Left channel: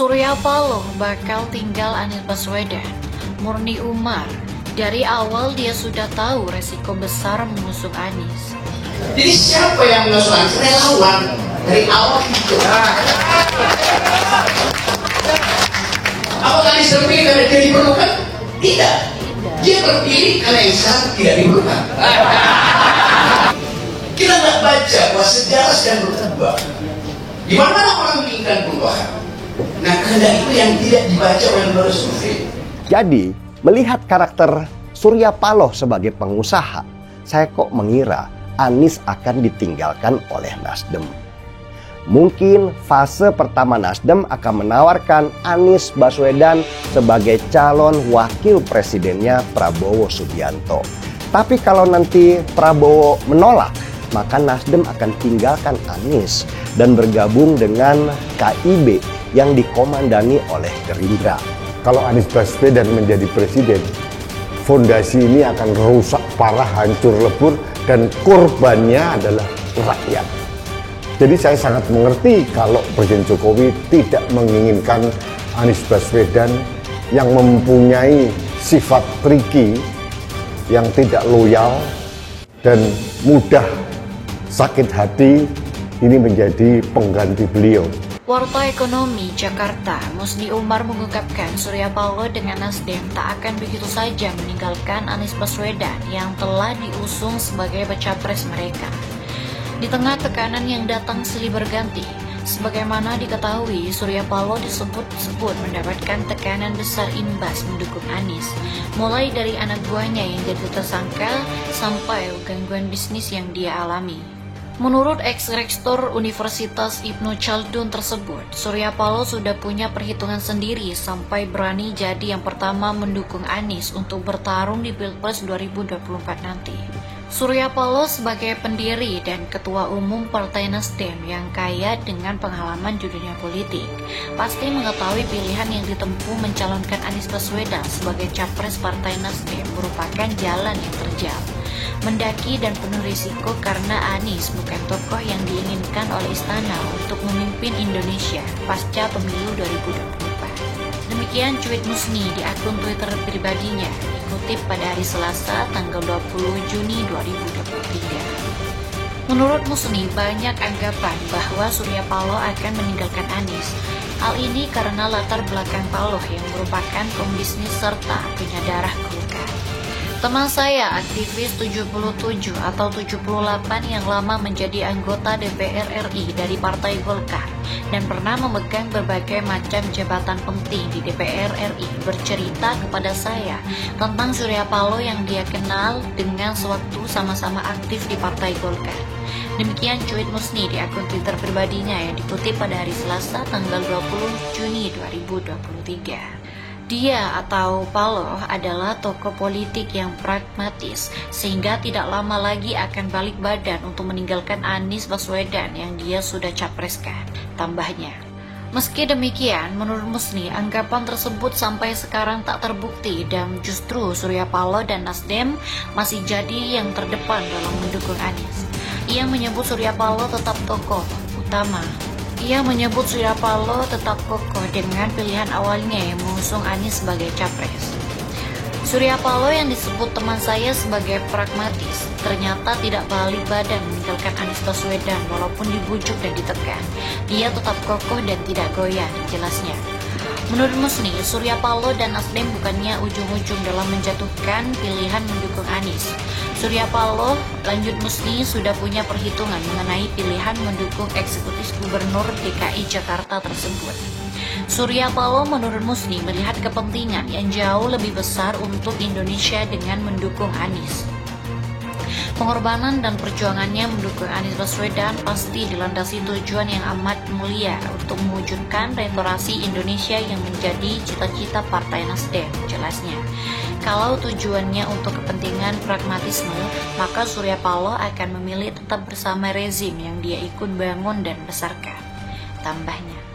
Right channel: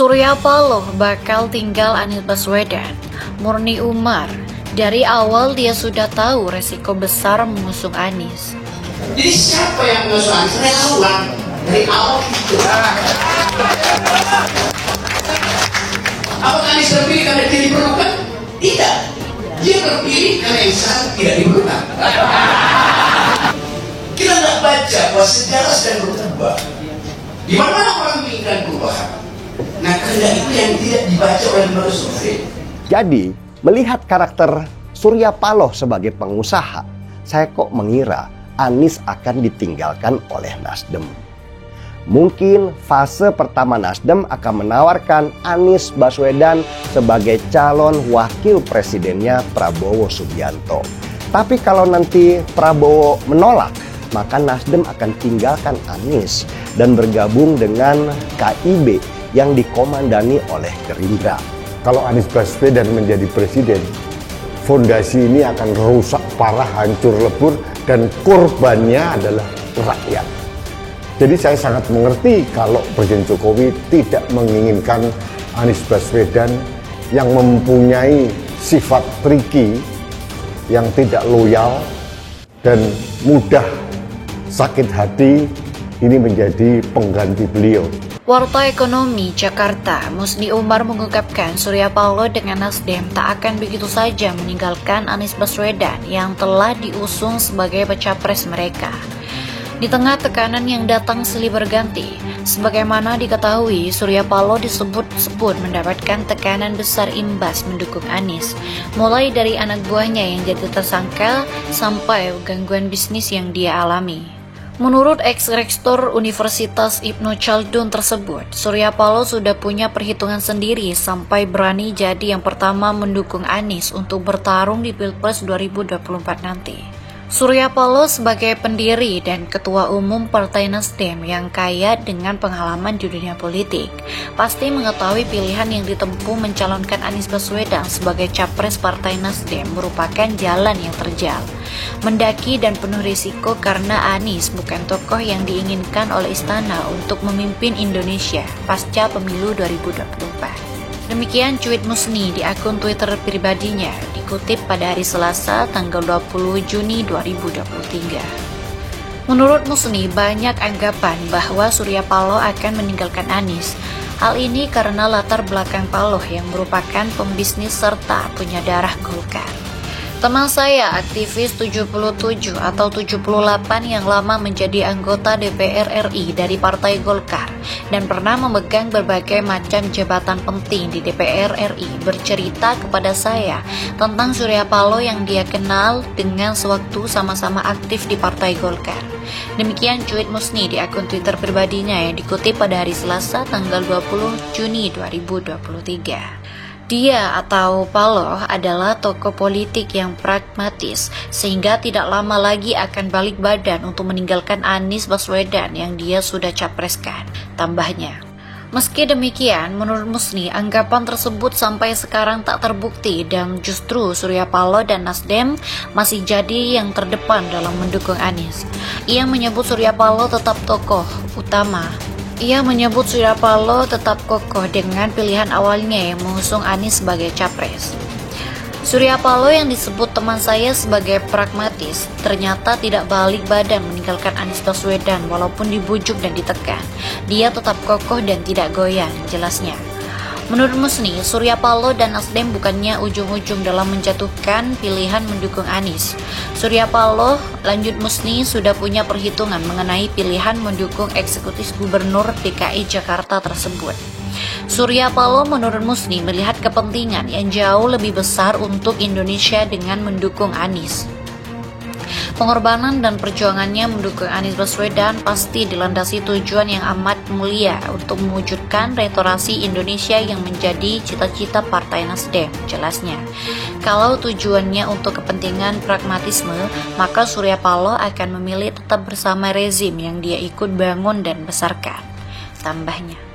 Surya Paloh bakal tinggal Anies Baswedan. Murni Umar, dari awal dia sudah tahu resiko besar mengusung Anies. Jadi siapa yang mengusung Anies? Relawan dari awal itu. Apakah Anies terpilih karena dia diperlukan? Tidak. Dia terpilih karena Insan tidak diperlukan. Kita tidak baca bahwa sejarah sedang berubah. Di mana orang menginginkan perubahan? Nah, kehendak itu yang tidak dibaca oleh lembaga survei. Jadi, melihat karakter Surya Paloh sebagai pengusaha, saya kok mengira Anies akan ditinggalkan oleh Nasdem. Mungkin fase pertama Nasdem akan menawarkan Anies Baswedan sebagai calon wakil presidennya Prabowo Subianto. Tapi kalau nanti Prabowo menolak, maka Nasdem akan tinggalkan Anies dan bergabung dengan KIB yang dikomandani oleh Gerindra. Kalau Anies Baswedan menjadi presiden, fondasi ini akan rusak parah, hancur lebur, dan korbannya adalah rakyat. Jadi saya sangat mengerti kalau Presiden Jokowi tidak menginginkan Anies Baswedan yang mempunyai sifat tricky, yang tidak loyal, dan mudah sakit hati, ini menjadi pengganti beliau. Warta Ekonomi Jakarta, Musni Umar mengungkapkan Surya Paloh dengan Nasdem tak akan begitu saja meninggalkan Anies Baswedan yang telah diusung sebagai baca pres mereka. Di tengah tekanan yang datang silih berganti, sebagaimana diketahui Surya Paloh disebut-sebut mendapatkan tekanan besar imbas mendukung Anies, mulai dari anak buahnya yang jadi tersangka sampai gangguan bisnis yang dia alami. Menurut ex-rektor Universitas Ibnu Khaldun tersebut, Surya Paloh sudah punya perhitungan sendiri sampai berani jadi yang pertama mendukung Anies untuk bertarung di Pilpres 2024 nanti. Surya Paloh sebagai pendiri dan ketua umum Partai Nasdem yang kaya dengan pengalaman di dunia politik, pasti mengetahui pilihan yang ditempuh mencalonkan Anies Baswedan sebagai capres Partai Nasdem merupakan jalan yang terjal. Mendaki dan penuh risiko karena Anies bukan tokoh yang diinginkan oleh istana untuk memimpin Indonesia pasca pemilu 2024. Demikian cuit Musni di akun Twitter pribadinya, dikutip pada hari Selasa tanggal 20 Juni 2023. Menurut Musni, banyak anggapan bahwa Surya Paloh akan meninggalkan Anies. Hal ini karena latar belakang Paloh yang merupakan pembisnis serta punya darah Golkar. Teman saya, aktivis 77 atau 78 yang lama menjadi anggota DPR RI dari Partai Golkar dan pernah memegang berbagai macam jabatan penting di DPR RI, bercerita kepada saya tentang Surya Paloh yang dia kenal dengan sewaktu sama-sama aktif di Partai Golkar. Demikian cuit Musni di akun Twitter pribadinya yang dikutip pada hari Selasa tanggal 20 Juni 2023. Dia atau Paloh adalah tokoh politik yang pragmatis, sehingga tidak lama lagi akan balik badan untuk meninggalkan Anies Baswedan yang dia sudah capreskan, tambahnya. Meski demikian, menurut Musni, anggapan tersebut sampai sekarang tak terbukti dan justru Surya Paloh dan Nasdem masih jadi yang terdepan dalam mendukung Anies. Ia menyebut Surya Paloh tetap tokoh utama. Ia menyebut Surya Paloh tetap kokoh dengan pilihan awalnya yang mengusung Anies sebagai capres. Surya Paloh yang disebut teman saya sebagai pragmatis, ternyata tidak balik badan meninggalkan Anies Baswedan walaupun dibujuk dan ditekan. Dia tetap kokoh dan tidak goyang, jelasnya. Menurut Musni, Surya Paloh dan Nasdem bukannya ujung-ujung dalam menjatuhkan pilihan mendukung Anies. Surya Paloh, lanjut Musni, sudah punya perhitungan mengenai pilihan mendukung eksekutif gubernur DKI Jakarta tersebut. Surya Paloh menurut Musni melihat kepentingan yang jauh lebih besar untuk Indonesia dengan mendukung Anies. Pengorbanan dan perjuangannya mendukung Anies Baswedan pasti dilandasi tujuan yang amat mulia untuk mewujudkan restorasi Indonesia yang menjadi cita-cita Partai Nasdem, jelasnya. Kalau tujuannya untuk kepentingan pragmatisme, maka Surya Paloh akan memilih tetap bersama rezim yang dia ikut bangun dan besarkan, tambahnya.